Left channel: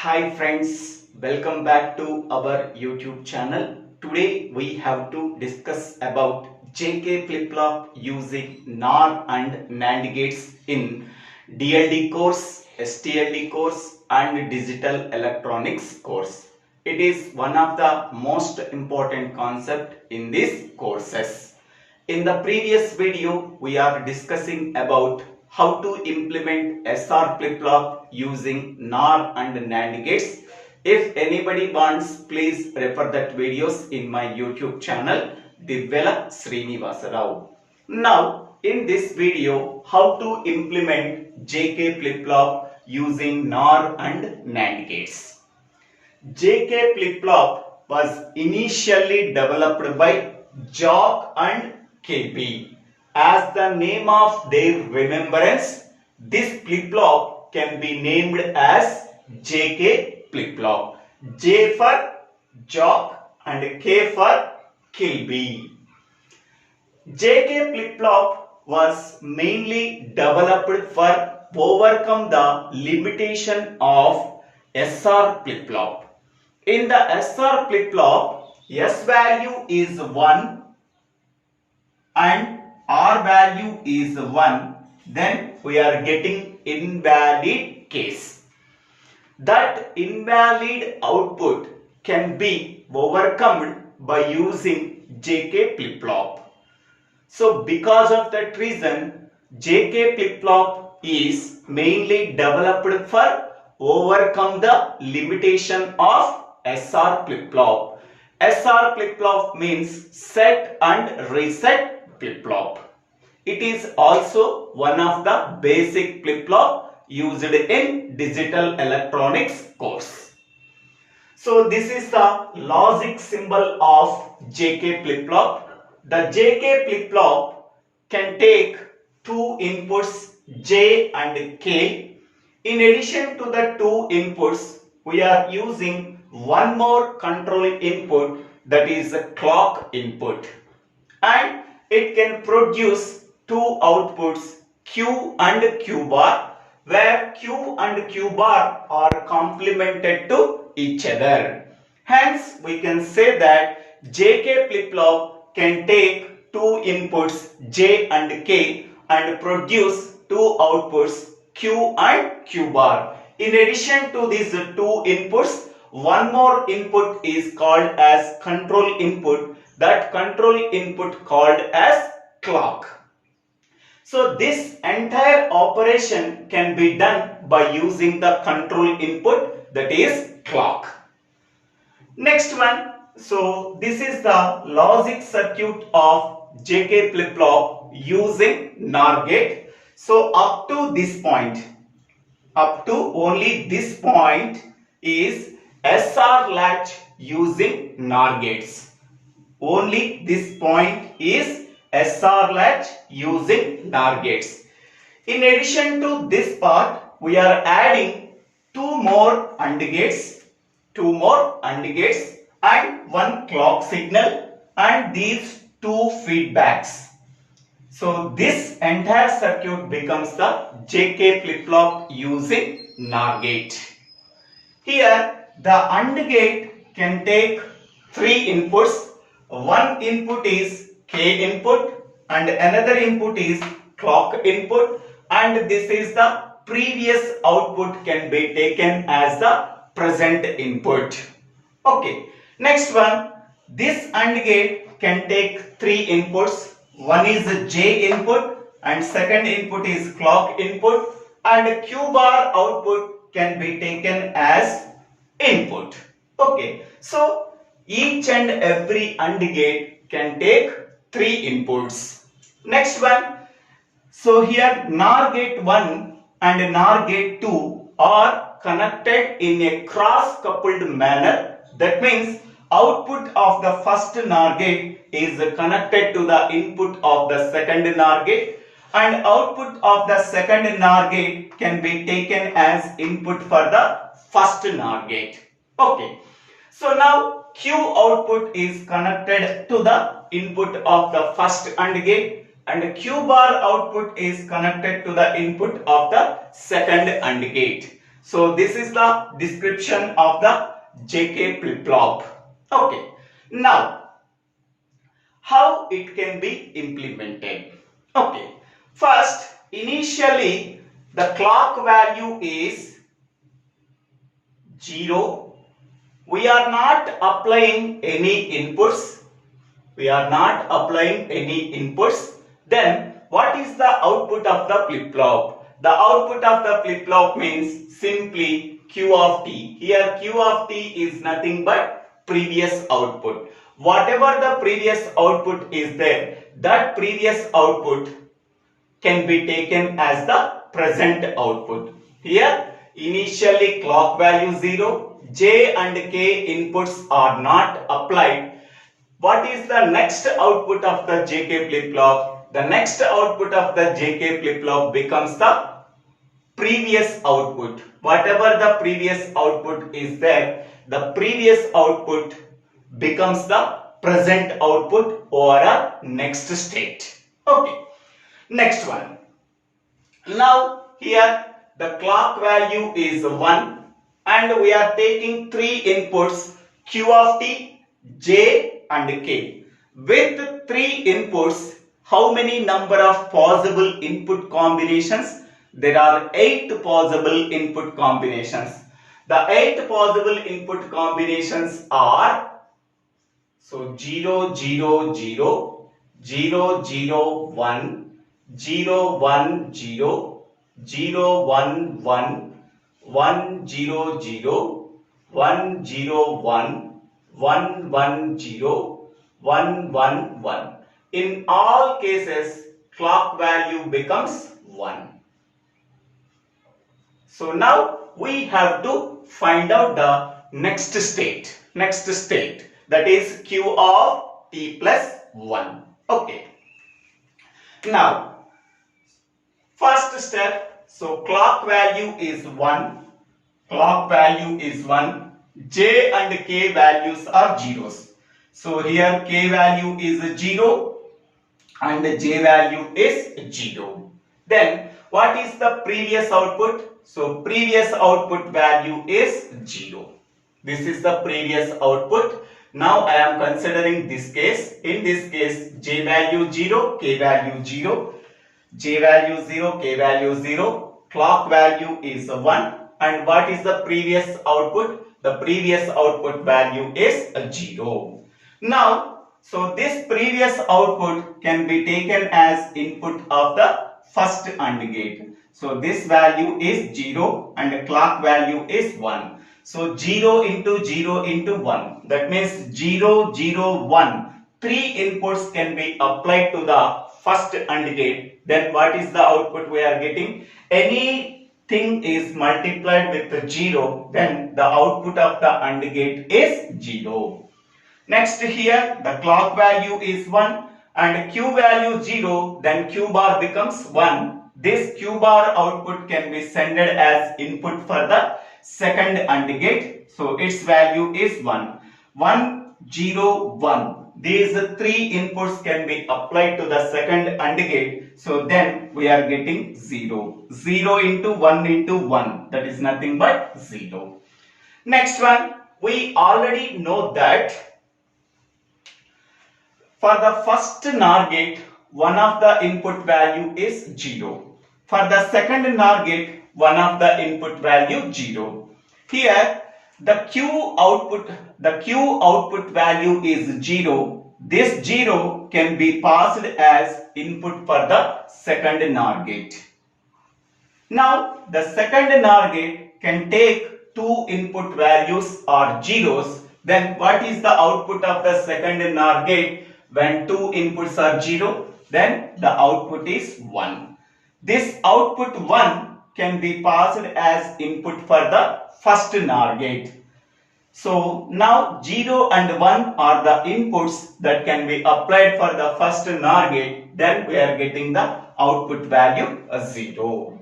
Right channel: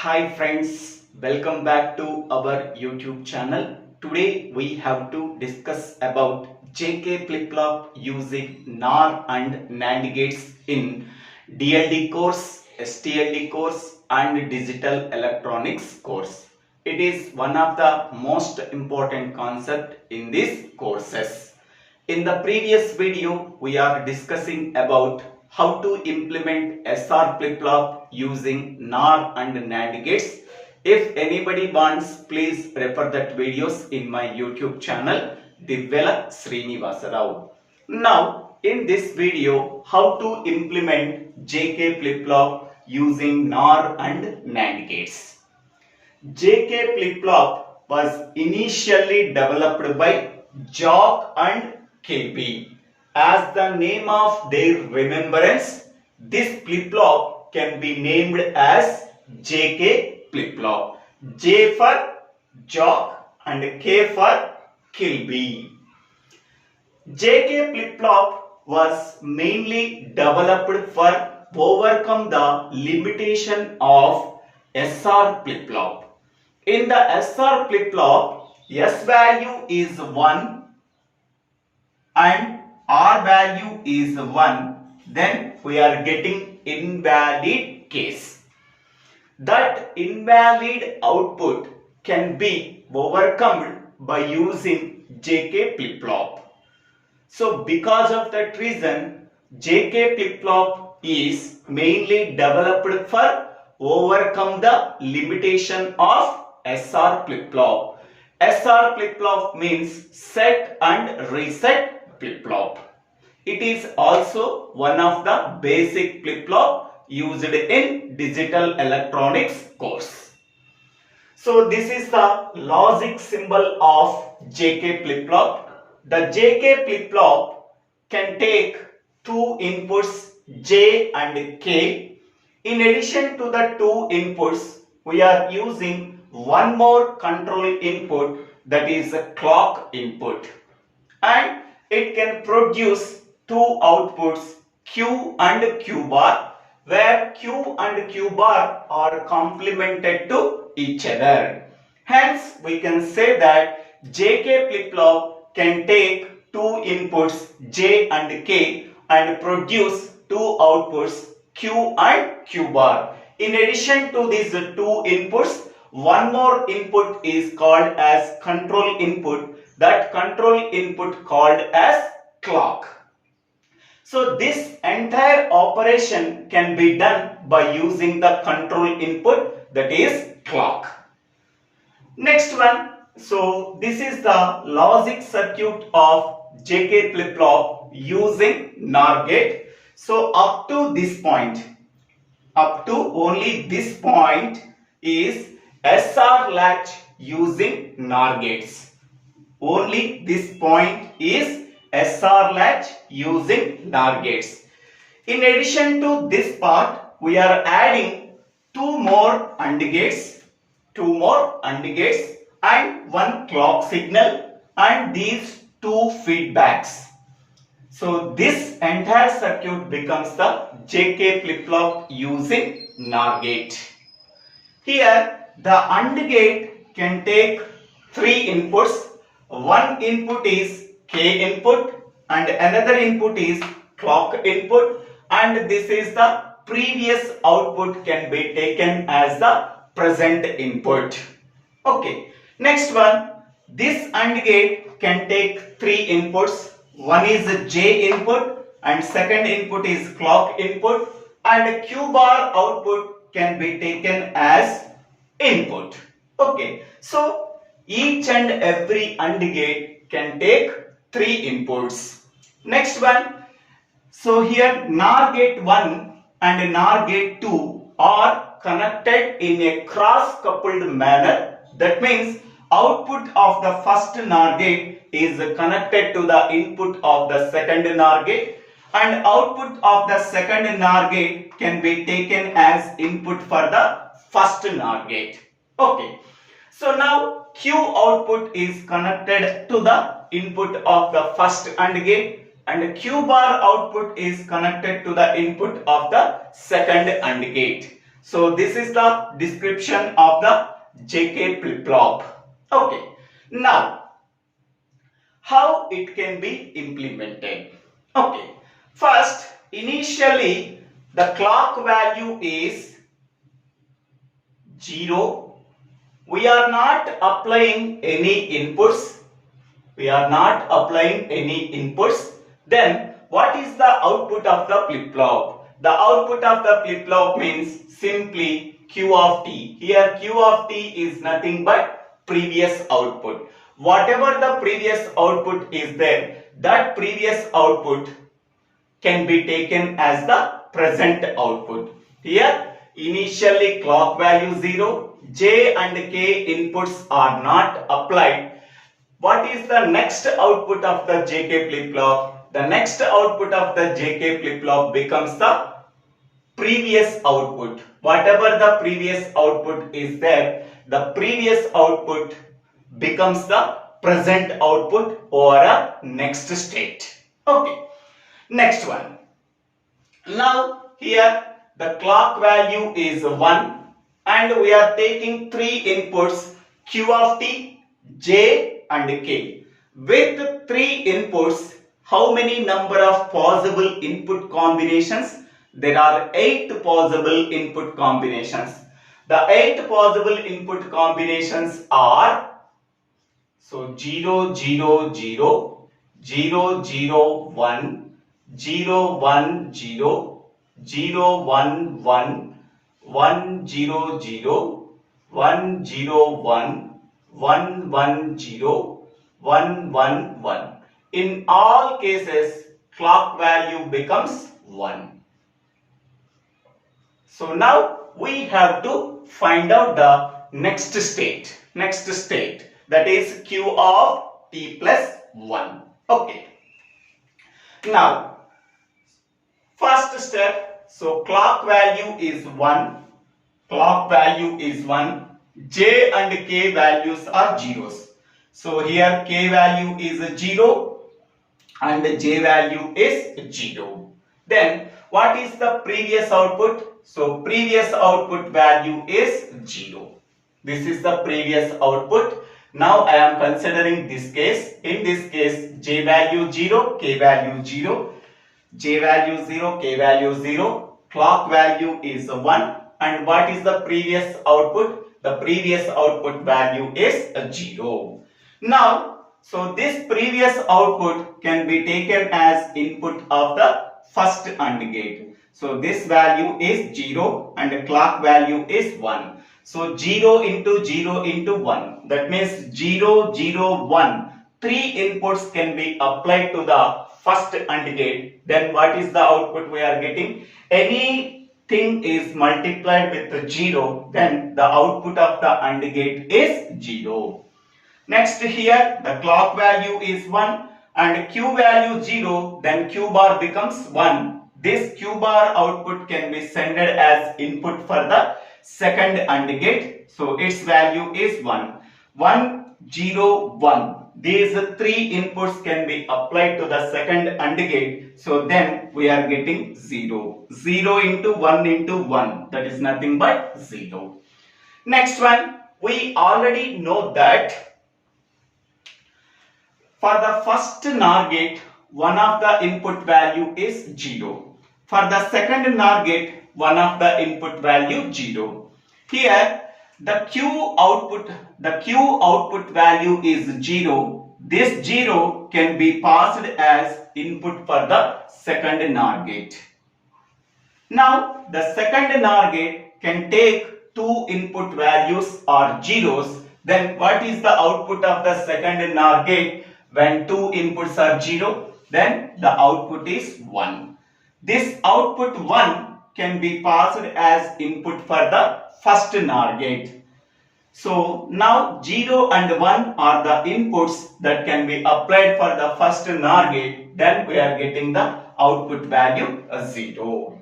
Hi friends, welcome back to our YouTube channel. Today we have to discuss about JK flip-flop using NOR and NAND gates in DLD course, STLD course and digital electronics course. It is one of the most important concept in these courses. In the previous video, we are discussing about how to implement SR flip-flop using NOR and NAND gates. If anybody wants, please refer that videos in my YouTube channel, DIVVELA SRINIVASA. Now, in this video, how to implement JK flip-flop using NOR and NAND gates. JK flip-flop was initially developed by Jock and KB. As the name of their remembrance, this flip-flop can be named as JK flip-flop. J for Jock and K for Kilby. JK flip-flop was mainly developed for overcome the limitation of SR flip-flop. In the SR flip-flop, S value is 1 and R value is 1, then we are getting invalid case. That invalid output can be overcome by using JK flip-flop. So because of that reason, JK flip-flop is mainly developed for overcome the limitation of SR flip-flop. SR flip-flop means set and reset flip-flop. It is also one of the basic flip-flop used in digital electronics course. So this is the logic symbol of JK flip-flop. The JK flip-flop can take two inputs J and K. In addition to the two inputs, we are using one more control input, that is a clock input, and it can produce two outputs Q and Q bar, where Q and Q bar are complemented to each other. Hence we can say that JK flip-flop can take two inputs J and K and produce two outputs Q and Q bar. In addition to these two inputs, one more input is called as control input. That control input called as clock. So this entire operation can be done by using the control input, that is clock. Next one. So this is the logic circuit of JK flip-flop using NOR gate. So up to this point, up to only this point is SR latch using NOR gates. Only this point is SR latch using NOR gates. In addition to this part, we are adding two more AND gates and one clock signal and these two feedbacks. So this entire circuit becomes the JK flip-flop using NOR gate. Here the AND gate can take three inputs. One input is K input and another input is clock input, and this is the previous output can be taken as the present input. Okay, next one, this AND gate can take three inputs. One is J input and second input is clock input, and Q bar output can be taken as input. Okay, so each and every AND gate can take three inputs. Next one, so here NOR gate 1 and NOR gate 2 are connected in a cross coupled manner. That means output of the first NOR gate is connected to the input of the second NOR gate, and output of the second NOR gate can be taken as input for the first NOR gate. Okay, so now Q output is connected to the input of the first AND gate and Q bar output is connected to the input of the second AND gate. So this is the description of the JK flip-flop. Okay. Now, how it can be implemented? Okay. First, initially the clock value is 0. We are not applying any inputs. Then what is the output of the flip-flop? The output of the flip-flop means simply Q of t. Here Q of t is nothing but previous output. Whatever the previous output is there, that previous output can be taken as the present output. Here initially clock value 0, J and K inputs are not applied. What is the next output of the JK flip-flop? The next output of the JK flip-flop becomes the previous output. Whatever the previous output is there, the previous output becomes the present output or a next state. Okay. Next one. Now here the clock value is 1 and we are taking 3 inputs Q of t, J and K. With 3 inputs, how many number of possible input combinations? There are 8 possible input combinations. The 8 possible input combinations are 0, 0, 0, 0, 0, 1, 0, 1, 0, 0, 1, 1, 1, 0, 0, 1, 0, 1, 1, 1, 0, 1, 1, 1. In all cases, clock value becomes 1. So now we have to find out the next state. That is Q of t plus 1. Okay. Now, first step, so clock value is 1. J and K values are zeros. So here K value is 0 and J value is 0. Then what is the previous output? So previous output value is 0. This is the previous output. Now I am considering this case. In this case, J value 0, K value 0. J value 0, K value 0. Clock value is 1. And what is the previous output? The previous output value is 0. Now, so this previous output can be taken as input of the first AND gate. So this value is 0 and the clock value is 1. So 0 into 0 into 1. That means 0, 0, 1. 3 inputs can be applied to the first AND gate. Then what is the output we are getting? Anything is multiplied with 0, then the output of the AND gate is 0. Next here, the clock value is 1 and Q value 0, then Q bar becomes 1. This Q bar output can be sent as input for the second AND gate. So its value is 1. 1, 0, 1. These 3 inputs can be applied to the second AND gate. So then we are getting 0. 0 into 1 into 1. That is nothing but 0. Next one, we already know that for the first NOR gate, one of the input value is 0. For the second NOR gate, one of the input value 0. Here, the Q output value is 0. This 0 can be passed as input for the second NOR gate. Now, the second NOR gate can take 2 input values or zeros. Then what is the output of the second NOR gate when 2 inputs are 0? Then the output is 1. This output 1 can be passed as input for the first NOR gate. So now 0 and 1 are the inputs that can be applied for the first NOR gate. Then we are getting the output value 0.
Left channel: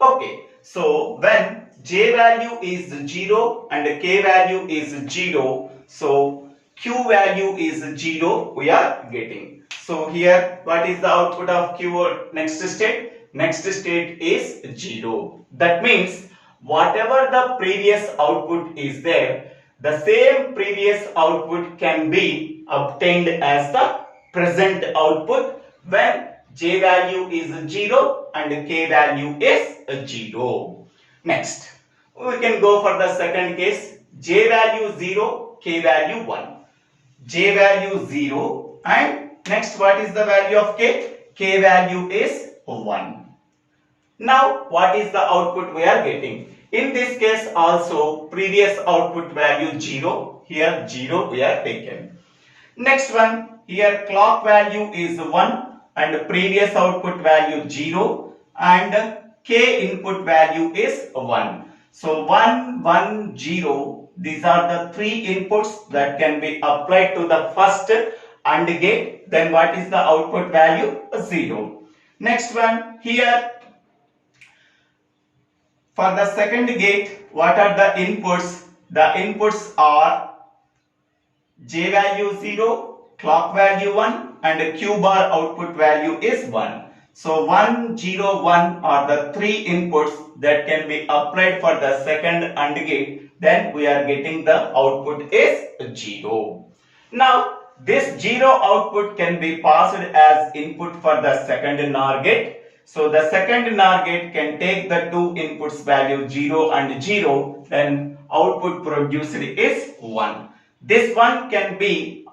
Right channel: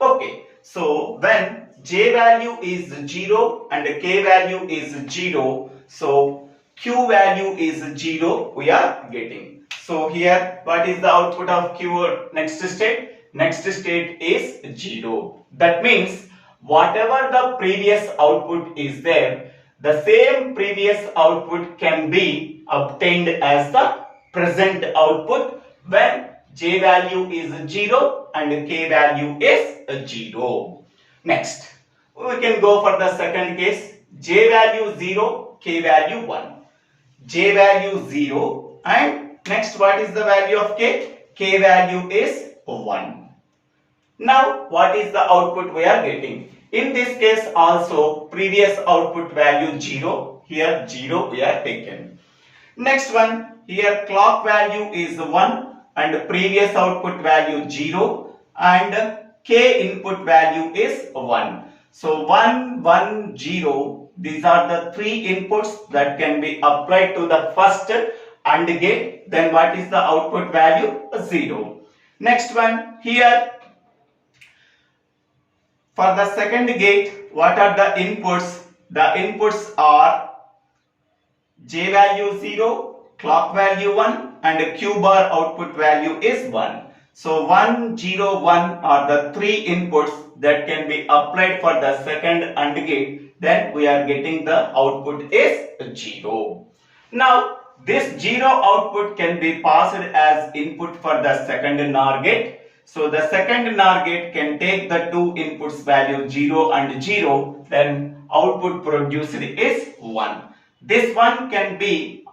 Okay, so when J value is 0 and K value is 0, so Q value is 0 we are getting. So here what is the output of Q next state? Next state is 0. That means whatever the previous output is there, the same previous output can be obtained as the present output when J value is 0 and K value is 0. Next, we can go for the second case. J value 0, K value 1. J value 0 and next what is the value of K? K value is 1. Now what is the output we are getting? In this case also previous output value 0, here 0 we are taken. Next one, here clock value is 1 and previous output value 0 and K input value is 1. So 1, 1, 0, these are the three inputs that can be applied to the first AND gate. Then what is the output value? 0. Next one, here for the second gate, what are the inputs? The inputs are J value 0, clock value 1 and Q bar output value is 1. So 1, 0, 1 are the three inputs that can be applied for the second AND gate. Then we are getting the output is 0. Now this 0 output can be passed as input for the second NOR gate. So the second NOR gate can take the two inputs value 0 and 0, then output produced is 1. This one can be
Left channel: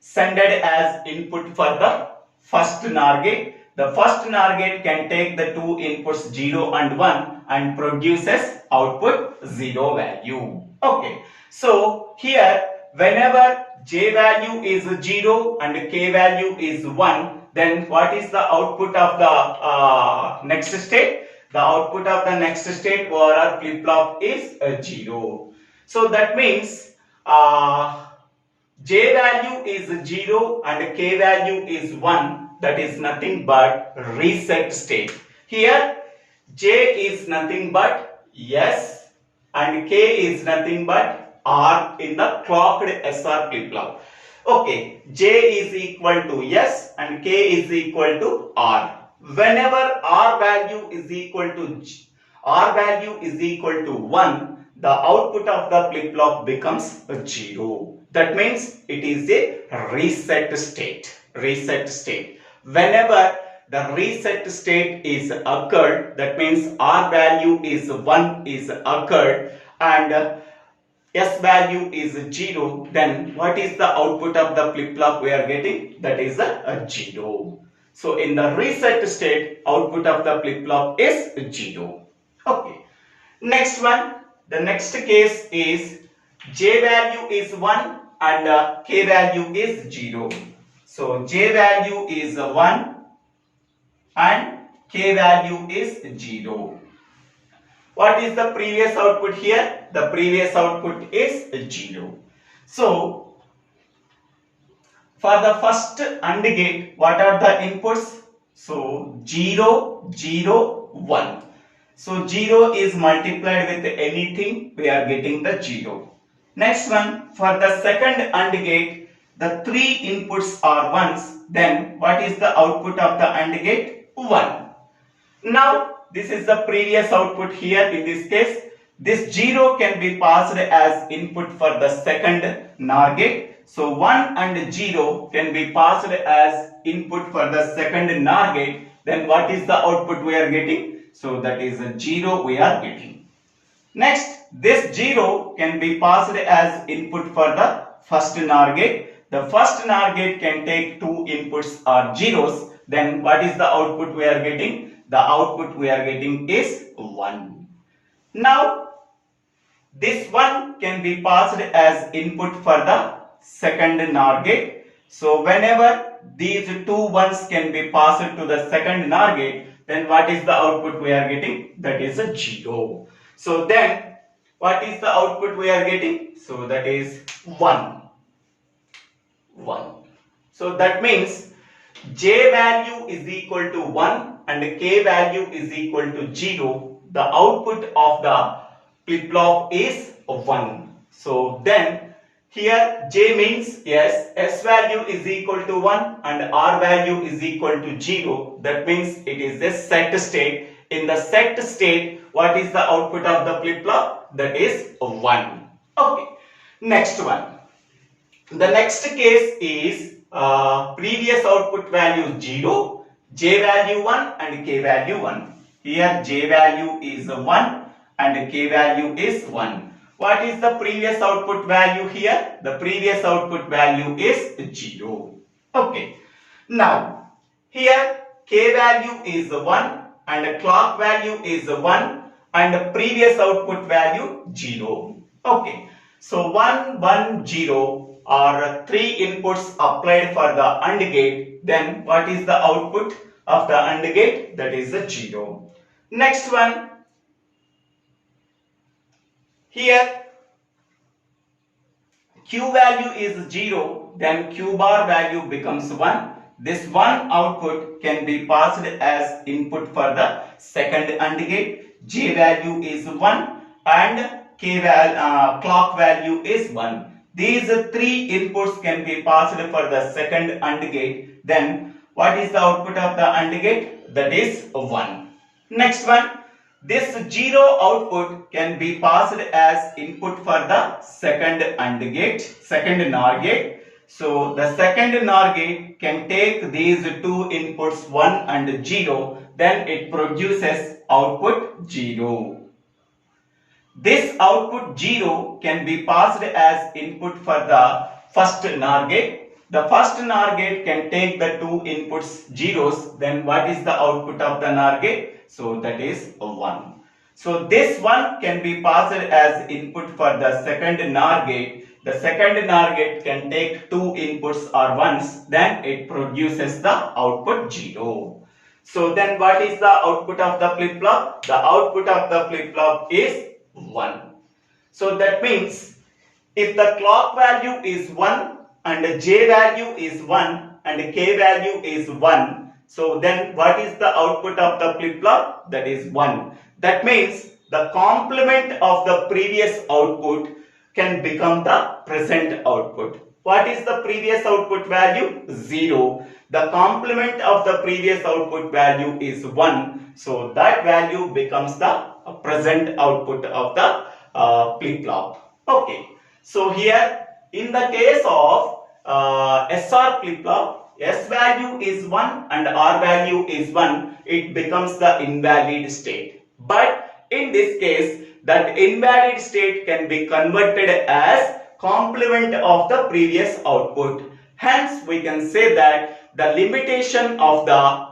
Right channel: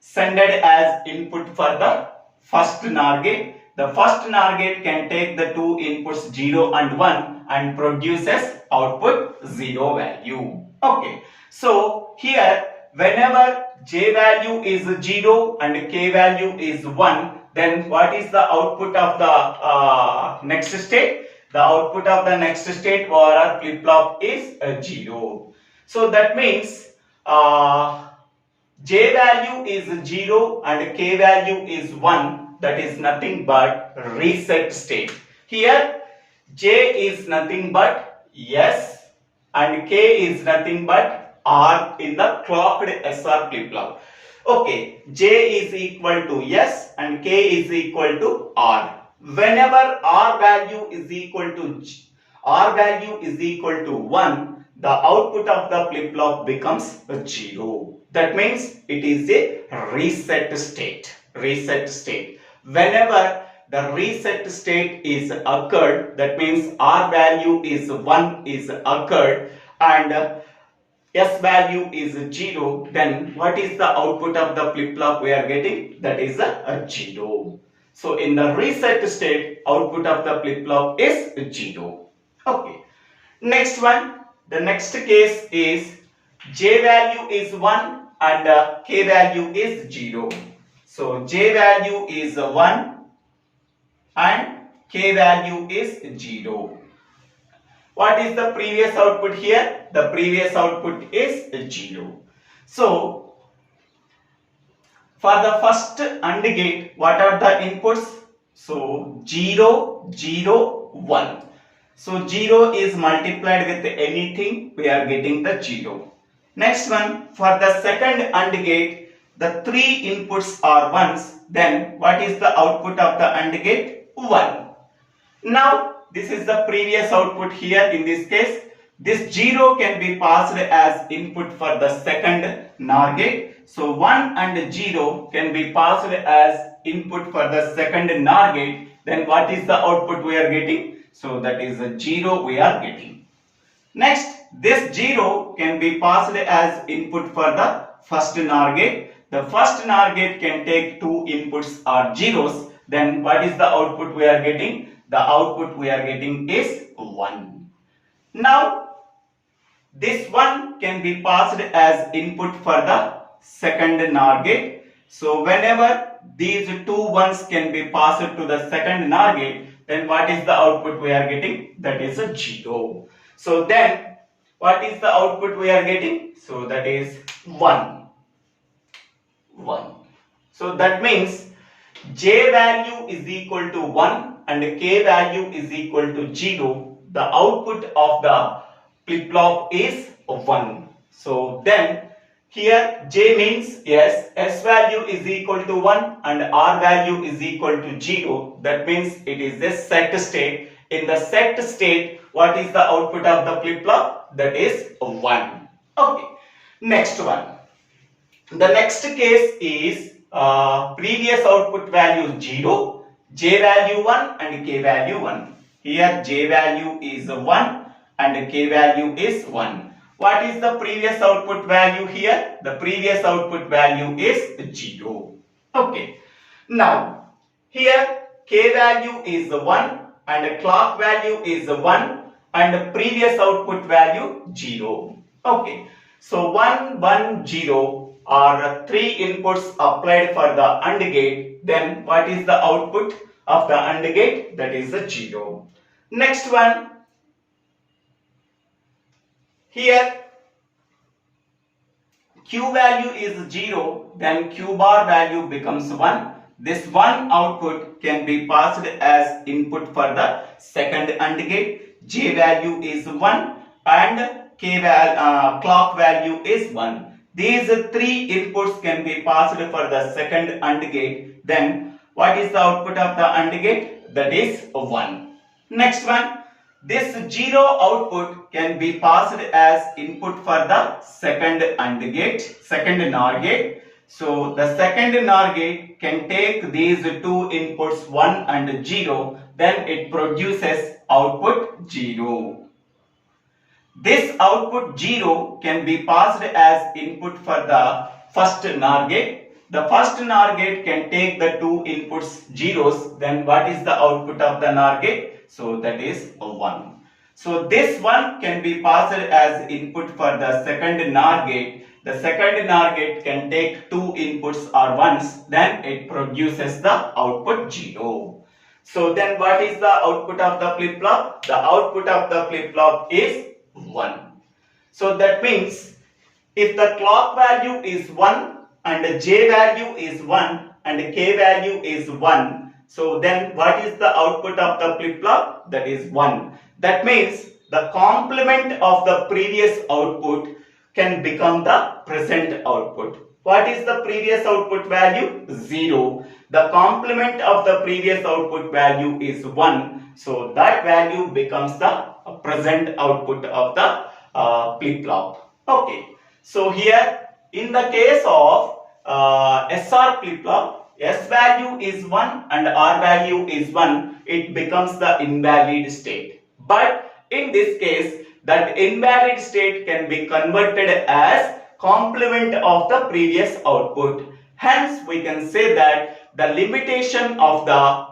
sent as input for the first NOR gate. The first NOR gate can take the two inputs 0 and 1 and produces output 0 value. Okay. So here whenever J value is 0 and K value is 1, then what is the output of the next state? The output of the next state or a flip-flop is 0. So that means J value is 0 and K value is 1. That is nothing but reset state. Here J is nothing but yes and K is nothing but R in the clocked SR flip-flop. Okay, J is equal to yes and K is equal to R. Whenever R value is equal to 1, the output of the flip-flop becomes 0. That means it is a reset state. Reset state. Whenever the reset state is occurred, that means R value is 1 is occurred and S value is 0, then what is the output of the flip-flop we are getting? That is a 0. So in the reset state, output of the flip-flop is 0. Okay. Next one, the next case is J value is 1 and K value is 0. So J value is 1 and K value is 0. What is the previous output here? The previous output is 0. So for the first AND gate, what are the inputs? So 0, 0, 1. So 0 is multiplied with anything, we are getting the 0. Next one, for the second AND gate, the three inputs are 1s. Then what is the output of the AND gate? 1. Now this is the previous output here. In this case, this 0 can be passed as input for the second NOR gate. So 1 and 0 can be passed as input for the second NOR gate. Then what is the output we are getting? So that is a 0 we are getting. Next, this 0 can be passed as input for the first NOR gate. The first NOR gate can take two inputs or zeros. Then what is the output we are getting? The output we are getting is 1. Now, this 1 can be passed as input for the second NOR gate. So, whenever these two ones can be passed to the second NOR gate, then what is the output we are getting? That is a 0. So, then what is the output we are getting? So, that is 1. 1. So, that means J value is equal to 1 and K value is equal to 0. The output of the flip-flop is 1. So then here J means yes, S value is equal to 1 and R value is equal to 0. That means it is a set state. in the set state, what is the output of the flip-flop? That is 1. Okay. Next one. The next case is previous output value 0, J value 1 and K value 1. Here J value is 1 and K value is 1. What is the previous output value here? The previous output value is 0. Okay. Now, here K value is 1 and clock value is 1 and previous output value 0. Okay. So 1, 1, 0 are 3 inputs applied for the AND gate. Then what is the output of the AND gate? That is a 0. Next one. Here Q value is 0, then Q bar value becomes 1. This 1 output can be passed as input for the second AND gate. J value is 1 and clock value is 1. These 3 inputs can be passed for the second AND gate. Then what is the output of the AND gate? That is 1. Next one. This 0 output can be passed as input for the second AND gate, second NOR gate. So the second NOR gate can take these 2 inputs 1 and 0, then it produces output 0. This output 0 can be passed as input for the first NOR gate. The first NOR gate can take the 2 inputs zeros, then what is the output of the NOR gate? So that is 1. So this 1 can be passed as input for the second NOR gate. The second NOR gate can take 2 inputs or 1s, then it produces the output 0. So then what is the output of the flip-flop? The output of the flip-flop is 1. So that means if the clock value is 1 and J value is 1 and K value is 1, so then what is the output of the flip-flop? That is 1. That means the complement of the previous output can become the present output. What is the previous output value? 0. The complement of the previous output value is 1. So that value becomes the present output of the flip-flop. Okay. So here in the case of SR flip-flop, S value is 1 and R value is 1, it becomes the invalid state. But in this case, that invalid state can be converted as complement of the previous output. Hence, we can say that the limitation of the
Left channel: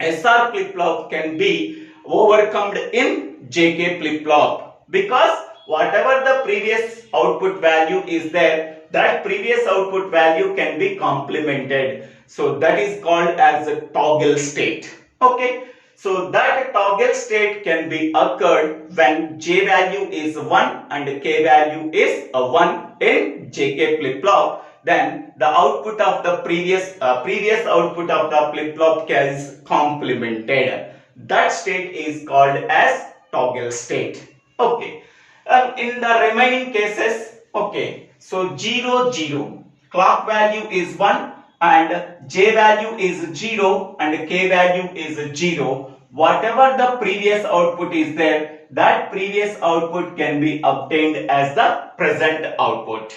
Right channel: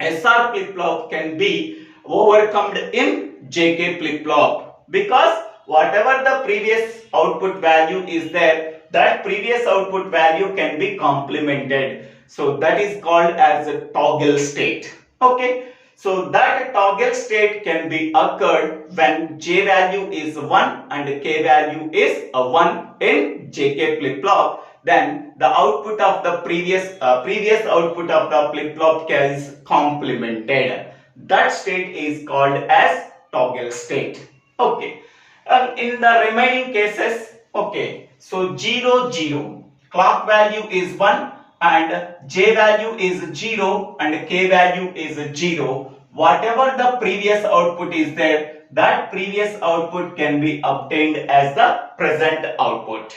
SR flip-flop can be overcome in JK flip-flop, because whatever the previous output value is there, that previous output value can be complemented. So that is called as a toggle state. Okay. So that toggle state can be occurred when J value is 1 and K value is 1 in JK flip-flop. Then the output of the previous output of the flip-flop is complemented. That state is called as toggle state. Okay. In the remaining cases, okay. So 0, 0, clock value is 1 and J value is 0 and K value is 0. Whatever the previous output is there, that previous output can be obtained as the present output.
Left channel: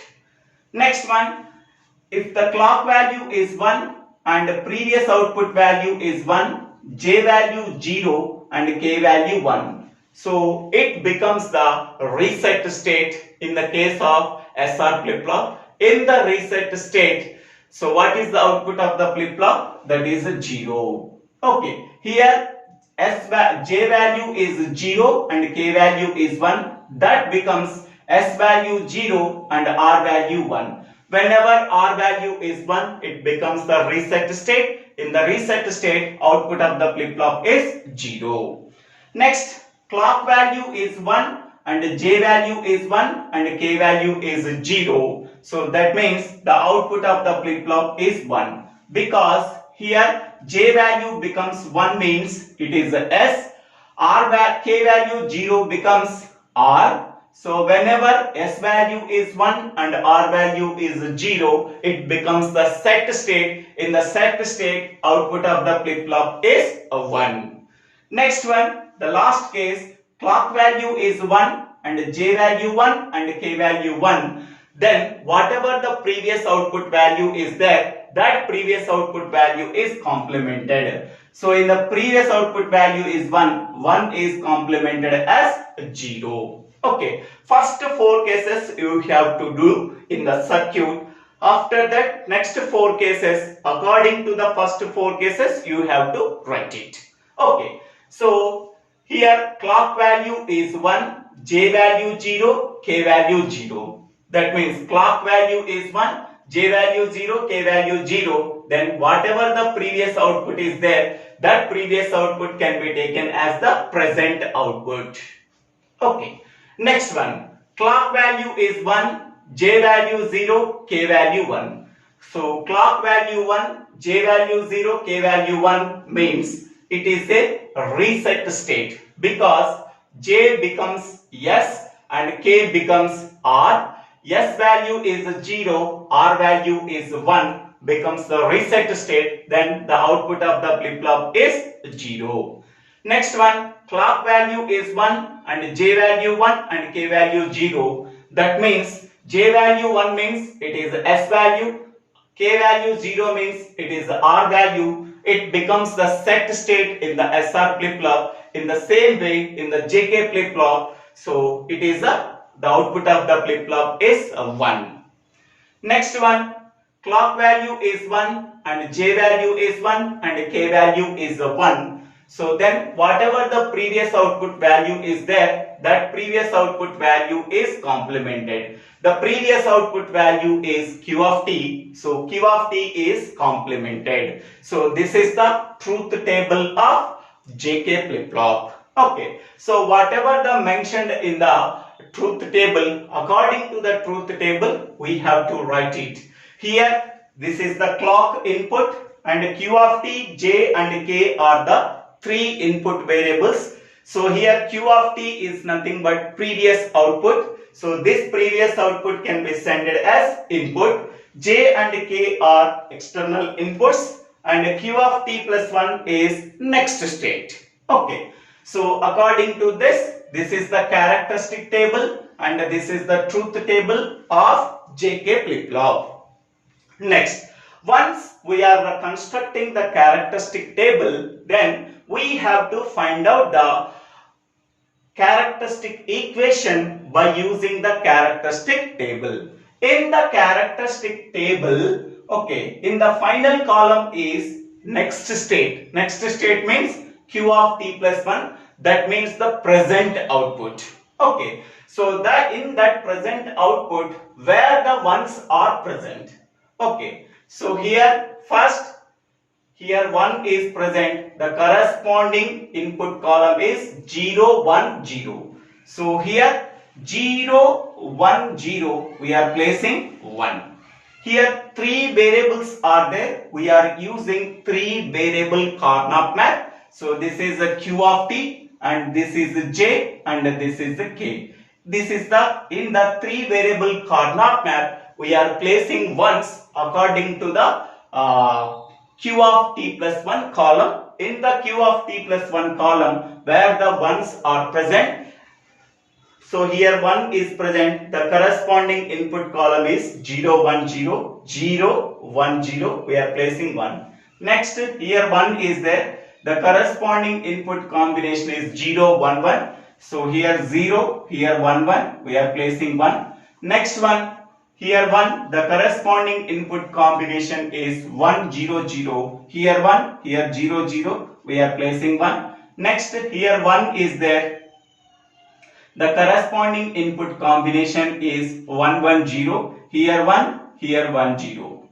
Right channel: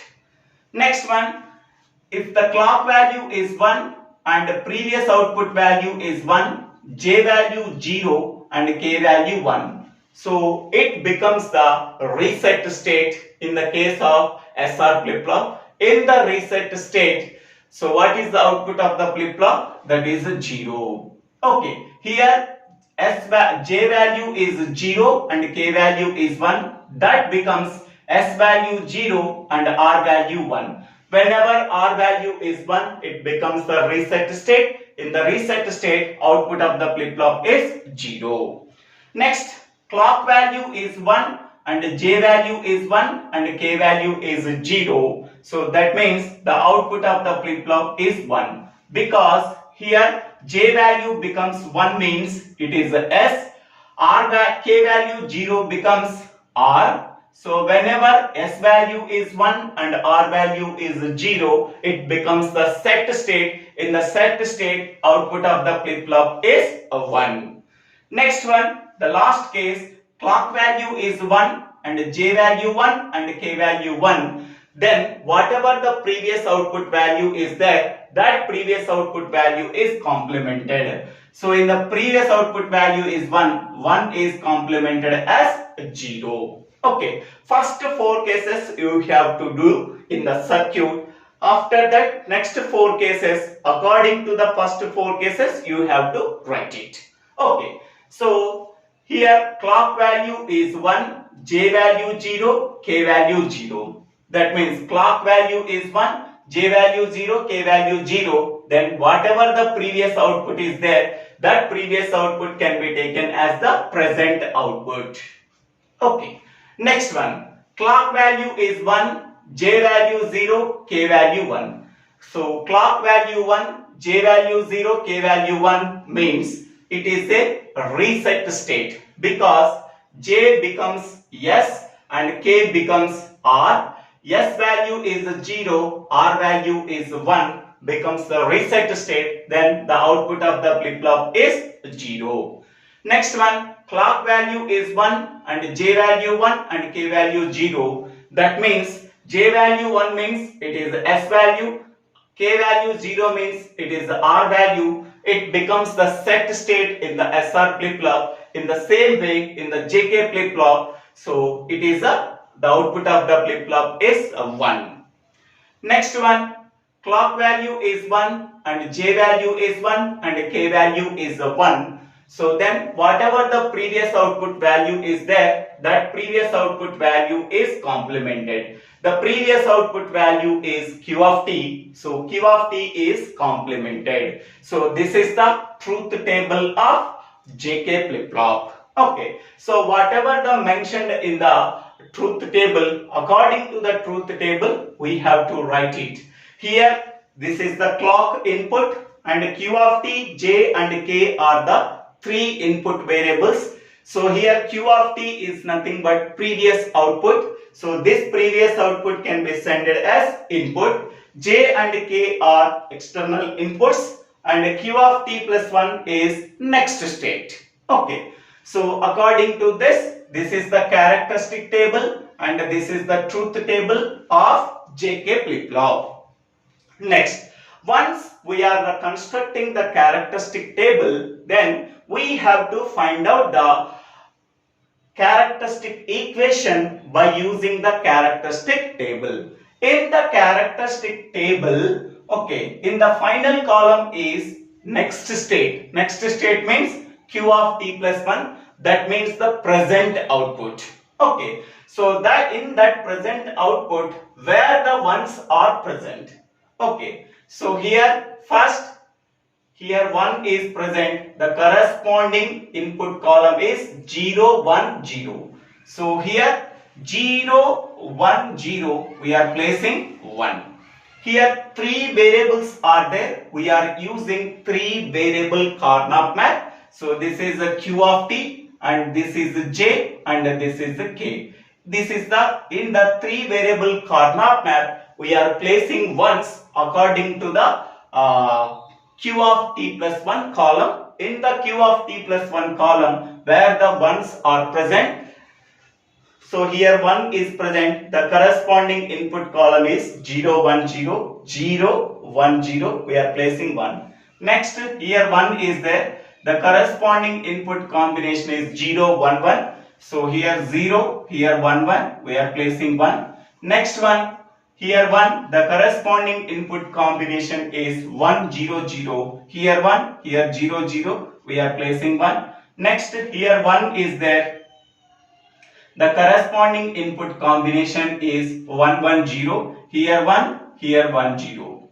Next one, if the clock value is 1 and previous output value is 1, J value 0 and K value 1. So it becomes the reset state in the case of SR flip-flop. In the reset state, so what is the output of the flip-flop? That is a 0. Okay, here J value is 0 and K value is 1. That becomes S value 0 and R value 1. Whenever R value is 1, it becomes the reset state. In the reset state, output of the flip-flop is 0. Next, clock value is 1 and J value is 1 and K value is 0. So that means the output of the flip-flop is 1, because here J value becomes 1 means it is S, K value 0 becomes R. So whenever S value is 1 and R value is 0, it becomes the set state. In the set state, output of the flip-flop is 1. Next one, the last case, clock value is 1 and J value 1 and K value 1. Then whatever the previous output value is there, that previous output value is complemented. So in the previous output value is 1, 1 is complemented as 0. Okay, first 4 cases you have to do in the circuit. After that, next 4 cases, according to the first 4 cases, you have to write it. Okay, so here clock value is 1, J value 0, K value 0. That means clock value is 1, J value 0, K value 0. Then whatever the previous output is there, that previous output can be taken as the present output. Okay, next one, clock value is 1, J value 0, K value 1. So clock value 1, J value 0, K value 1 means it is a reset state because J becomes S and K becomes R. S value is 0, R value is 1 becomes the reset state, then the output of the flip-flop is 0. Next one, clock value is 1 and J value 1 and K value 0. That means J value 1 means it is S value, K value 0 means it is R value. It becomes the set state in the SR flip-flop. In the same way in the JK flip-flop, so it is the output of the flip-flop is 1. Next one, clock value is 1 and J value is 1 and K value is 1. So then whatever the previous output value is there, that previous output value is complemented. The previous output value is Q of T. So Q of T is complemented. So this is the truth table of JK flip-flop. Okay. So whatever the mentioned in the truth table, according to the truth table, we have to write it. Here, this is the clock input and Q of T, J and K are the 3 input variables. So here Q of T is nothing but previous output. So this previous output can be sent as input. J and K are external inputs and Q of T plus 1 is next state. Okay. So according to this, this is the characteristic table and this is the truth table of JK flip-flop. Next, once we are constructing the characteristic table, then we have to find out the characteristic equation by using the characteristic table. In the characteristic table, okay, in the final column is next state. Next state means Q of T plus 1. That means the present output. Okay, so that in that present output where the ones are present. Okay, so here first, here 1 is present, the corresponding input column is 0, 1, 0. So here 0, 1, 0, we are placing 1. Here 3 variables are there, we are using 3 variable Carnot map. So this is a Q of T and this is a J and this is a K. This is the, in the 3 variable Carnot map, we are placing ones according to the Q of T plus 1 column. In the Q of T plus 1 column where the ones are present, so here 1 is present, the corresponding input column is 0, 1, 0, 0, 1, 0, we are placing 1. Next, here 1 is there, the corresponding input combination is 0, 1, 1. So here 0, here 1, 1, we are placing 1. Next one, here 1, the corresponding input combination is 1, 0, 0. Here 1, here 0, 0, we are placing 1. Next, here 1 is there. The corresponding input combination is 1, 1, 0. Here 1, here 1, 0.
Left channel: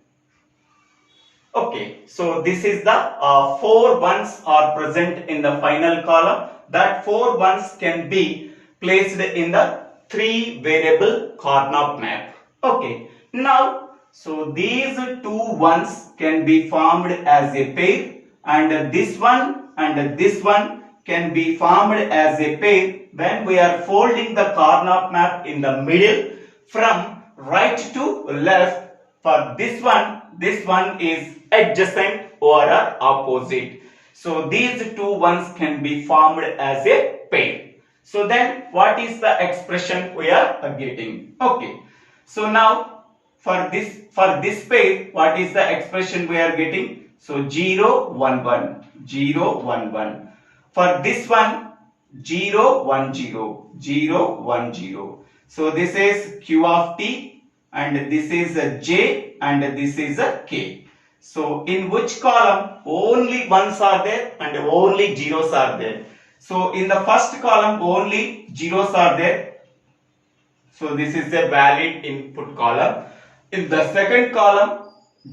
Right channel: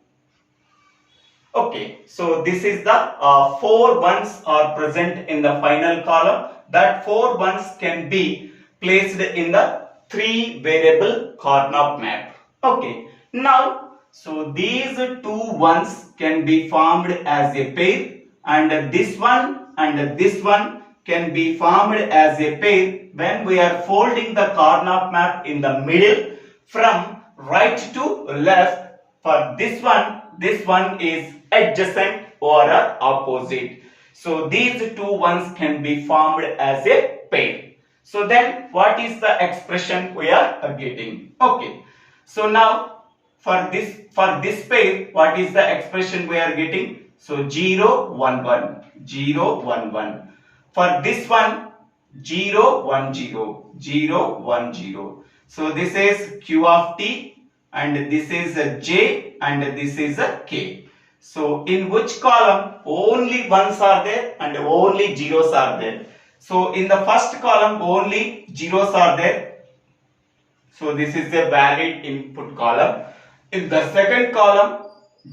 Okay, so this is the 4 ones are present in the final column. That 4 ones can be placed in the 3 variable Carnot map. Okay, now so these 2 ones can be formed as a pair and this one and this one can be formed as a pair when we are folding the Carnot map in the middle from right to left. For this one is adjacent or opposite. So these two ones can be formed as a pair. So then what is the expression we are getting? Okay. So now for this pair, what is the expression we are getting? So 0 1 1 0 1 1. For this one 0 1 0 0 1 0. So this is Q of T and this is a J and this is a K. So in which column only ones are there and only zeros are there? So in the first column only zeros are there. So this is a valid input column. In the second column,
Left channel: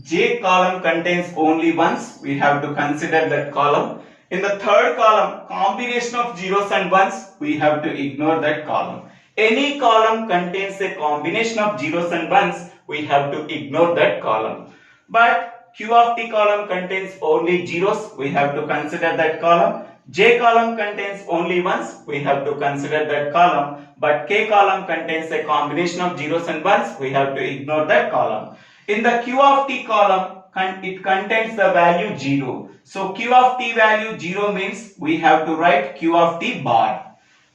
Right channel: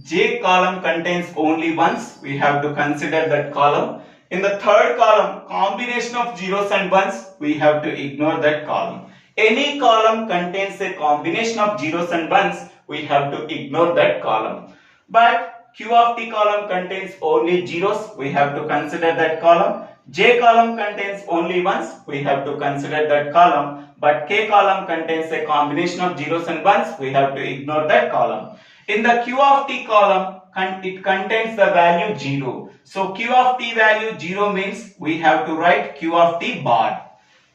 J column contains only ones. We have to consider that column. In the third column, combination of zeros and ones, we have to ignore that column. Any column contains a combination of zeros and ones, we have to ignore that column. But Q of T column contains only zeros, we have to consider that column. J column contains only ones, we have to consider that column. But K column contains a combination of zeros and ones, we have to ignore that column. In the Q of T column, it contains the value 0. So Q of T value 0 means we have to write Q of T bar.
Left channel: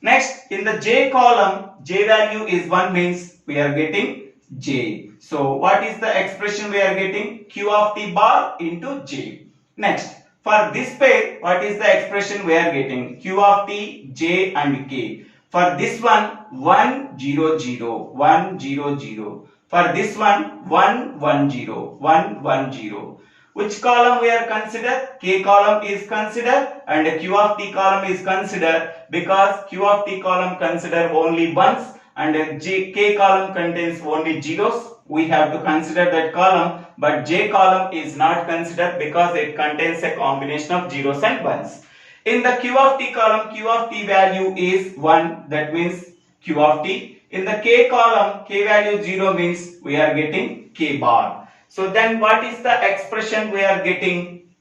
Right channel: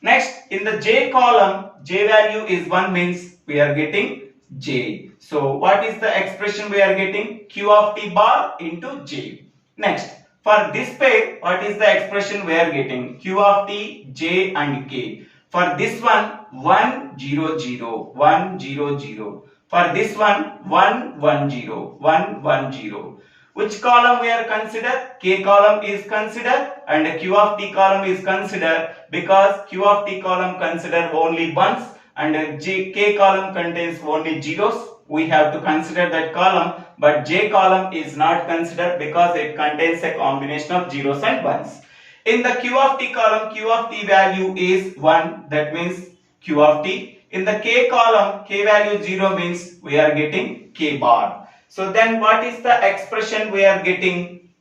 Next, in the J column, J value is 1 means we are getting J. So what is the expression we are getting? Q of T bar into J. Next, for this pair, what is the expression we are getting? Q of T, J and K. For this one, 1 0 0 1 0 0. For this one, 1 1 0 1 1 0. Which column we are considered? K column is considered and Q of T column is considered because Q of T column consider only ones and K column contains only zeros. We have to consider that column, but J column is not considered because it contains a combination of zeros and ones. In the Q of T column, Q of T value is 1, that means Q of T. In the K column, K value 0 means we are getting K bar. So then what is the expression we are getting?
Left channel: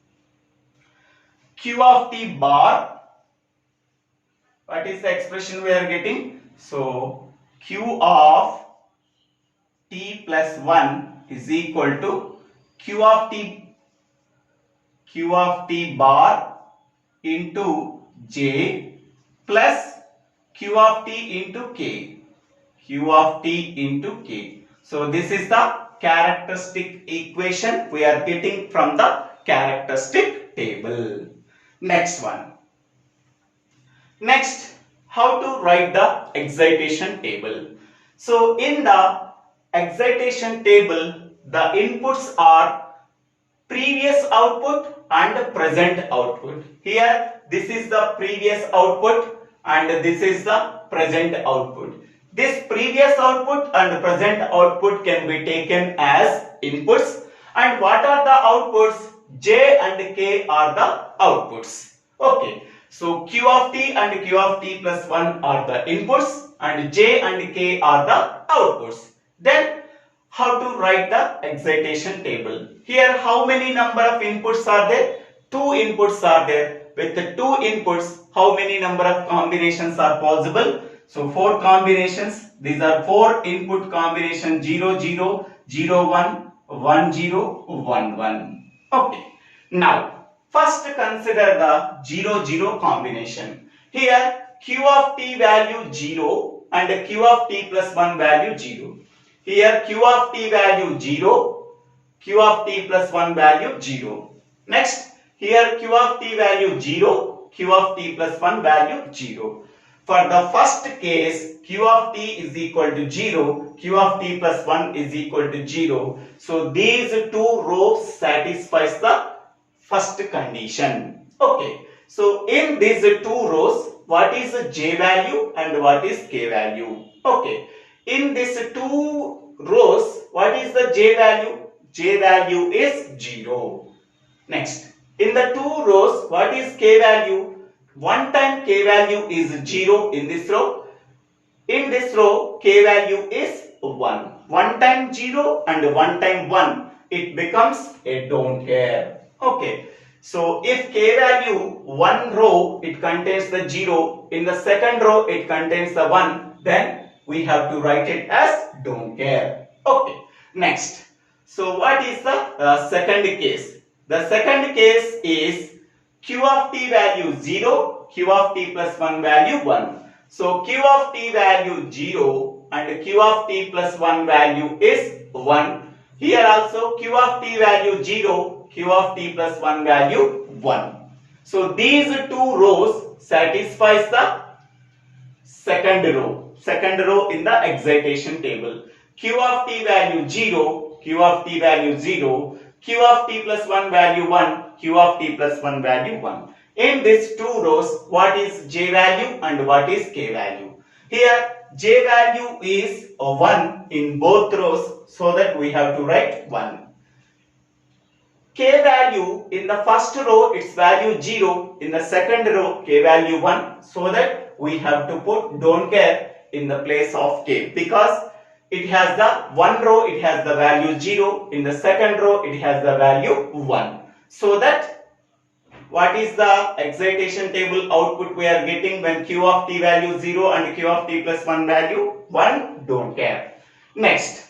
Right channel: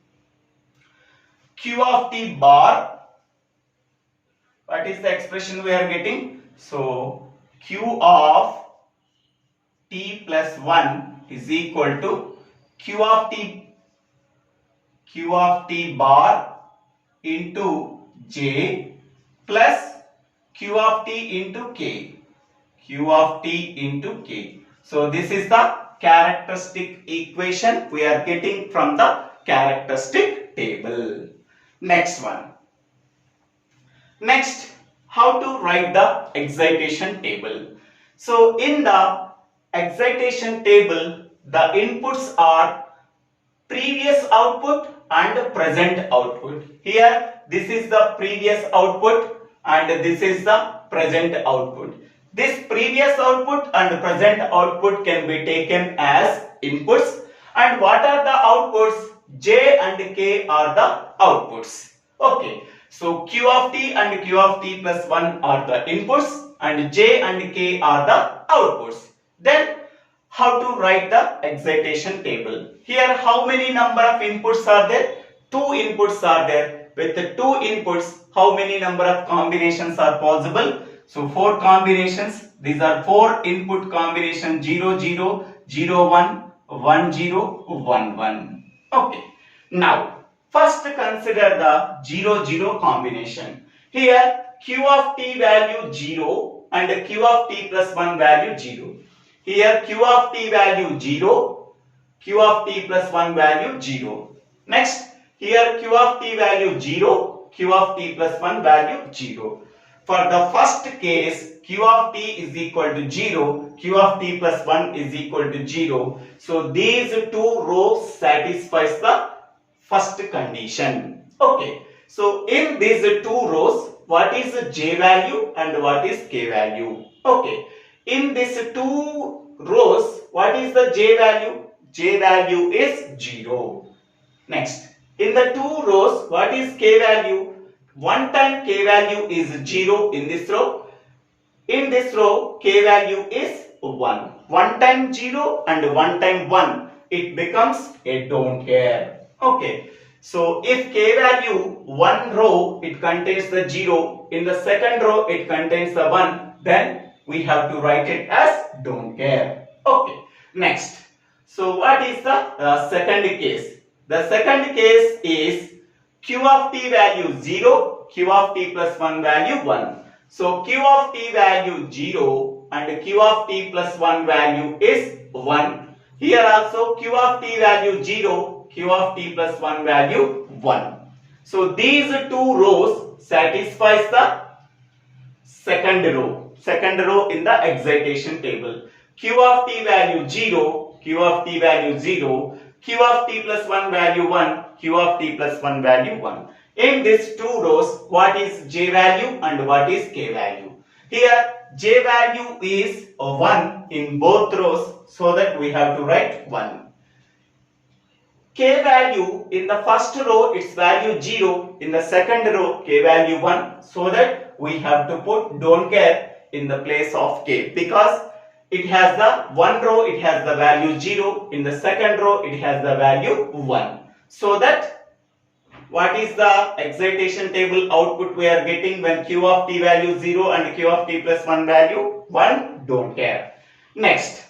Q of T bar. What is the expression we are getting? So Q of T plus 1 is equal to Q of T bar into J plus Q of T into K. Q of T into K. So this is the characteristic equation we are getting from the characteristic table. Next one. Next, how to write the excitation table. So in the excitation table, the inputs are previous output and present output. Here, this is the previous output and this is the present output. This previous output and present output can be taken as inputs. And what are the outputs? J and K are the outputs. Okay. So Q of T and Q of T plus 1 are the inputs and J and K are the outputs. Then how to write the excitation table? Here how many number of inputs are there? 2 inputs are there. With the 2 inputs, how many number of combinations are possible? So 4 combinations. These are 4 input combinations 0 0 0 1 1 0 1 1. Okay. Now first consider the 0 0 combination. Here Q of T value 0 and Q of T plus 1 value 0. Here Q of T value 0, Q of T plus 1 value 0. Next, here Q of T value 0, Q of T plus 1 value 0. For the first case, Q of T is equal to 0, Q of T plus 1 is equal to 0. So these 2 rows satisfies the first condition. Okay. So in these 2 rows, what is the J value and what is K value? Okay. In these 2 rows, what is the J value? J value is 0. Next, in the 2 rows, what is K value? One time K value is 0 in this row. In this row, K value is 1. One time 0 and one time 1. It becomes a don't care. Okay. So if K value 1 row, it contains the 0. In the second row, it contains the 1. Then we have to write it as don't care. Okay. Next. So what is the second case? The second case is Q of t value 0, Q of t plus 1 value 1. So Q of t value 0 and Q of t plus 1 value is 1. Here also Q of t value 0, Q of t plus 1 value 1. So these two rows satisfies the second row in the excitation table. Q of t value 0, Q of t value 0, Q of t plus 1 value 1, Q of t plus 1 value 1. In these two rows, what is J value and what is K value? Here, J value is 1 in both rows, so that we have to write 1. K value in the first row, its value 0. In the second row, K value 1, so that we have to put don't care in the place of K, because it has the one row, it has the value 0. In the second row, it has the value 1. So that what is the excitation table output we are getting when Q of t value 0 and Q of t plus 1 value 1? Don't care. Next,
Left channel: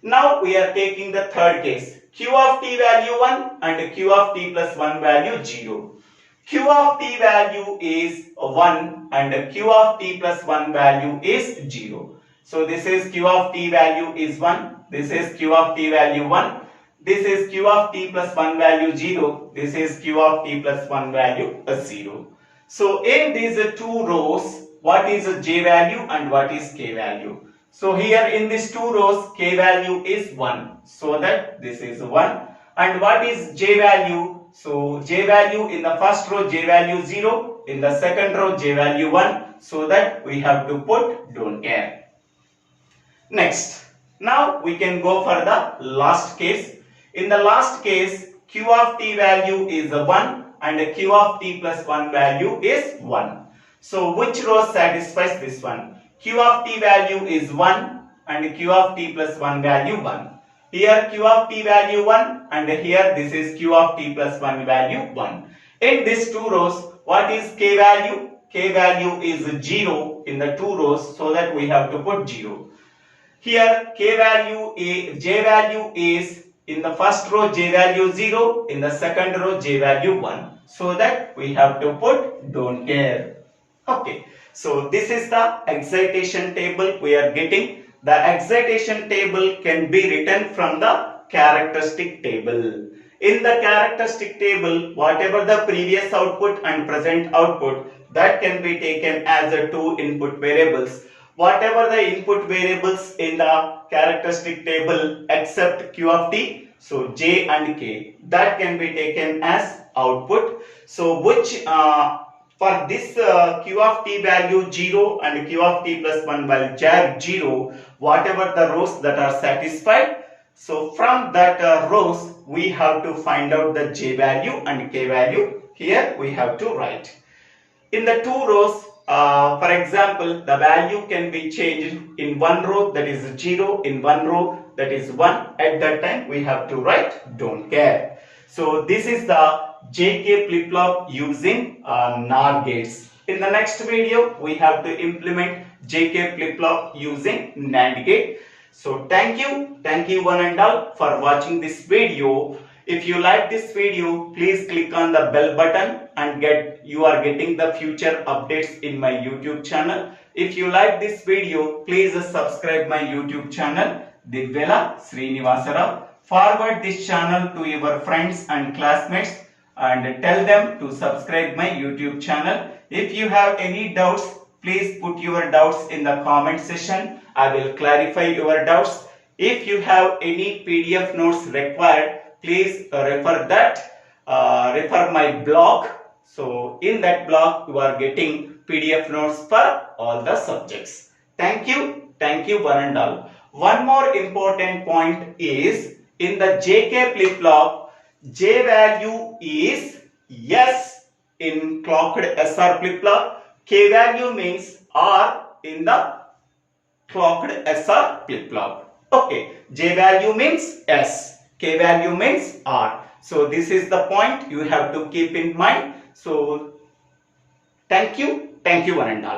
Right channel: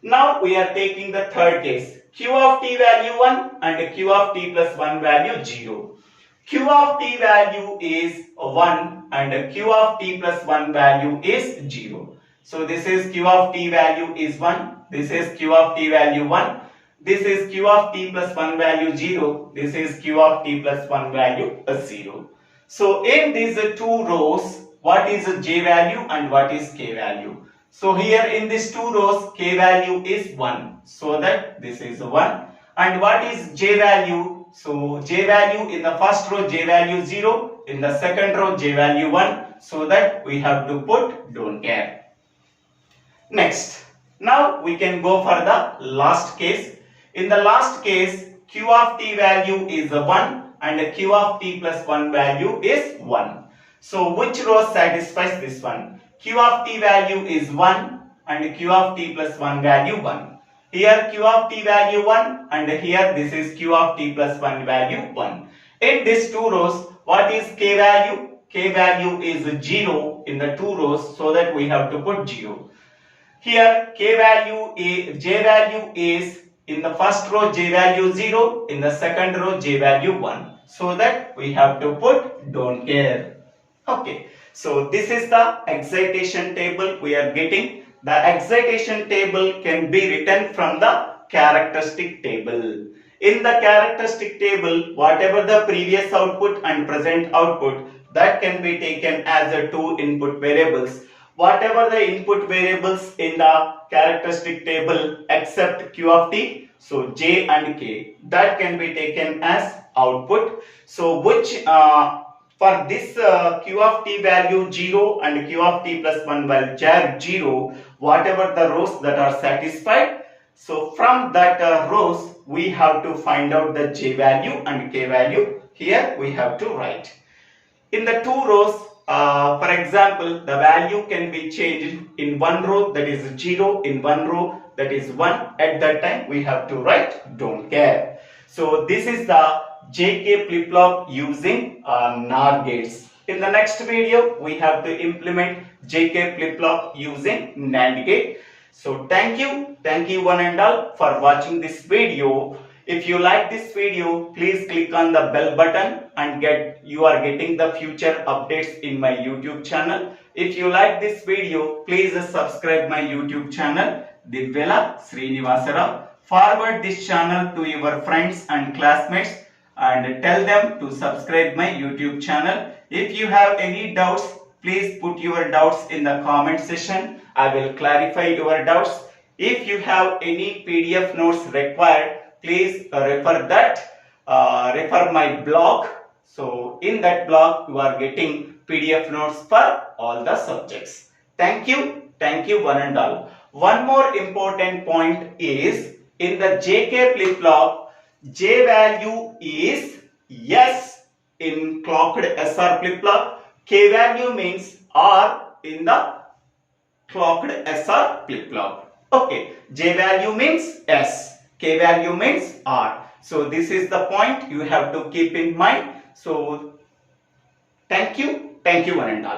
now we are taking the third case. Q of t value 1 and Q of t plus 1 value 0. Q of t value is 1 and Q of t plus 1 value is 0. So this is Q of t value is 1. This is Q of t value 1. This is Q of t plus 1 value 0. This is Q of t plus 1 value 0. So in these two rows, what is J value and what is K value? So here in these two rows, K value is 1. So that this is 1. And what is J value? So J value in the first row, J value 0. In the second row, J value 1. So that we have to put don't care. Next, now we can go for the last case. In the last case, Q of t value is 1 and Q of t plus 1 value is 1. So which row satisfies this one? Q of t value is 1 and Q of t plus 1 value 1. Here Q of t value 1 and here this is Q of t plus 1 value 1. In these two rows, what is K value? K value is 0 in the two rows, so that we have to put 0. Here J value is in the first row J value 0, in the second row J value 1. So that we have to put don't care. Okay. So this is the excitation table we are getting. The excitation table can be written from the characteristic table. In the characteristic table, whatever the previous output and present output, that can be taken as the two input variables. Whatever the input variables in the characteristic table except Q of t, so J and K, that can be taken as output. So which for this Q of t value 0 and Q of t plus 1 value 0, whatever the rows that are satisfied, so from that rows we have to find out the J value and K value. Here we have to write. In the two rows, for example, the value can be changed in one row, that is 0, in one row, that is 1. At that time we have to write don't care. So this is the JK flip-flop using NOR gates. In the next video, we have to implement JK flip-flop using NAND gate. So thank you one and all for watching this video. If you like this video, please click on the bell button and you are getting the future updates in my YouTube channel. If you like this video, please subscribe my YouTube channel, DIVVELA SRINIVASA. Forward this channel to your friends and classmates and tell them to subscribe my YouTube channel. If you have any doubts, please put your doubts in the comment section. I will clarify your doubts. If you have any PDF notes required, please refer my blog. So in that blog you are getting PDF notes for all the subjects. Thank you one and all. One more important point is in the JK flip-flop, J value is yes in clocked SR flip-flop. K value means R in the clocked SR flip-flop. Okay, J value means S, K value means R. So this is the point you have to keep in mind. So thank you one and all.